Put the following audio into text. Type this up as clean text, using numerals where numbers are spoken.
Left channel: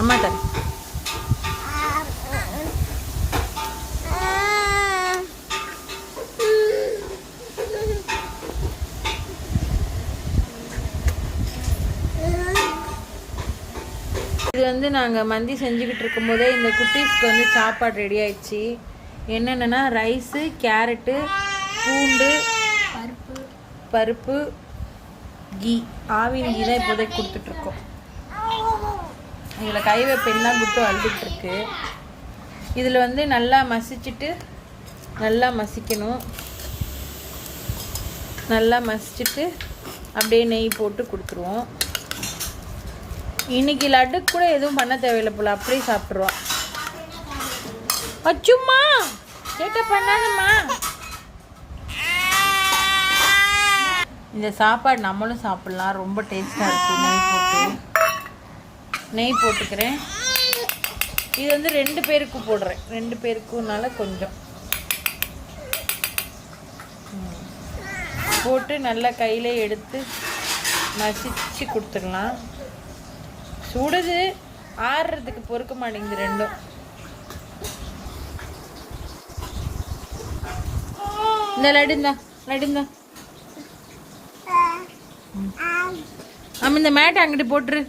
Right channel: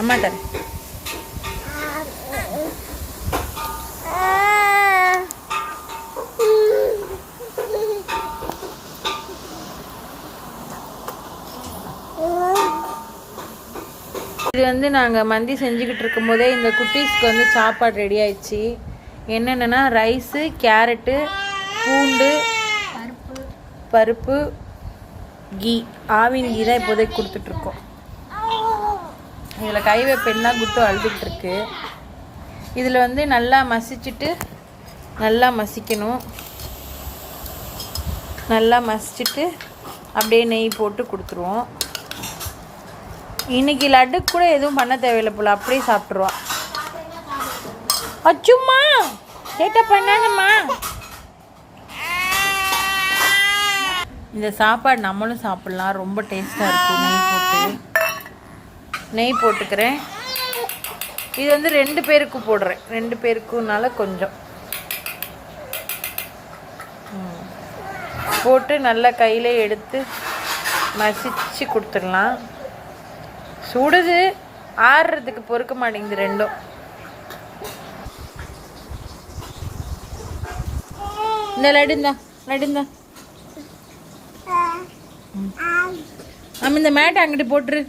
அம்மாட்ட இது வந்து நாங்கள் மந்தி செஞ்சுக்கிட்டு இருக்கும்போதே இந்த குட்டீஸ்க்கு வந்து சாப்பாடு ரெடி ஆயிடுச்சு. என்னென்னா ரைஸு, கேரட்டு, பூண்டு, பருப்பு, கீ, ஆவின் கீ தான் இப்போதைக்கு கொடுத்துட்ருக்கோம். இதில் கை வைப்பேன்னா குட்டு அழுதுகிட்ருக்கு. இதில் வந்து நல்லா மசிச்சுட்டு நல்லா மசிக்கணும். நல்லா மசிச்சுட்டு அப்படியே நெய் போட்டு கொடுத்துருவோம். இன்னைக்கு லட்டுக்கு கூட எதுவும் பண்ண தேவையில்லை போல், அப்படியே சாப்பிட்ருவா. அச்சும்மா கேட்ட பண்ணாதம்மா. இந்த சாப்பாடு நம்மளும் சாப்பிட்லாம், ரொம்ப டேஸ்ட்டாக இருக்கும். நெய் போட்டுக்கிறேன். இது வந்து 2 பேருக்கு போடுறேன். 2 பேருக்குனால கொஞ்சம் போட்டு நல்லா கையில் எடுத்து மசிச்சு கொடுத்துடலாம். சுடுது, ஆறுறதுக்கு பொறுக்க மாட்டேங்குது ரெண்டும். இந்த லடுந்தா ஆமாம், இந்த மேட்டை அங்கிட்டு போட்டுரு.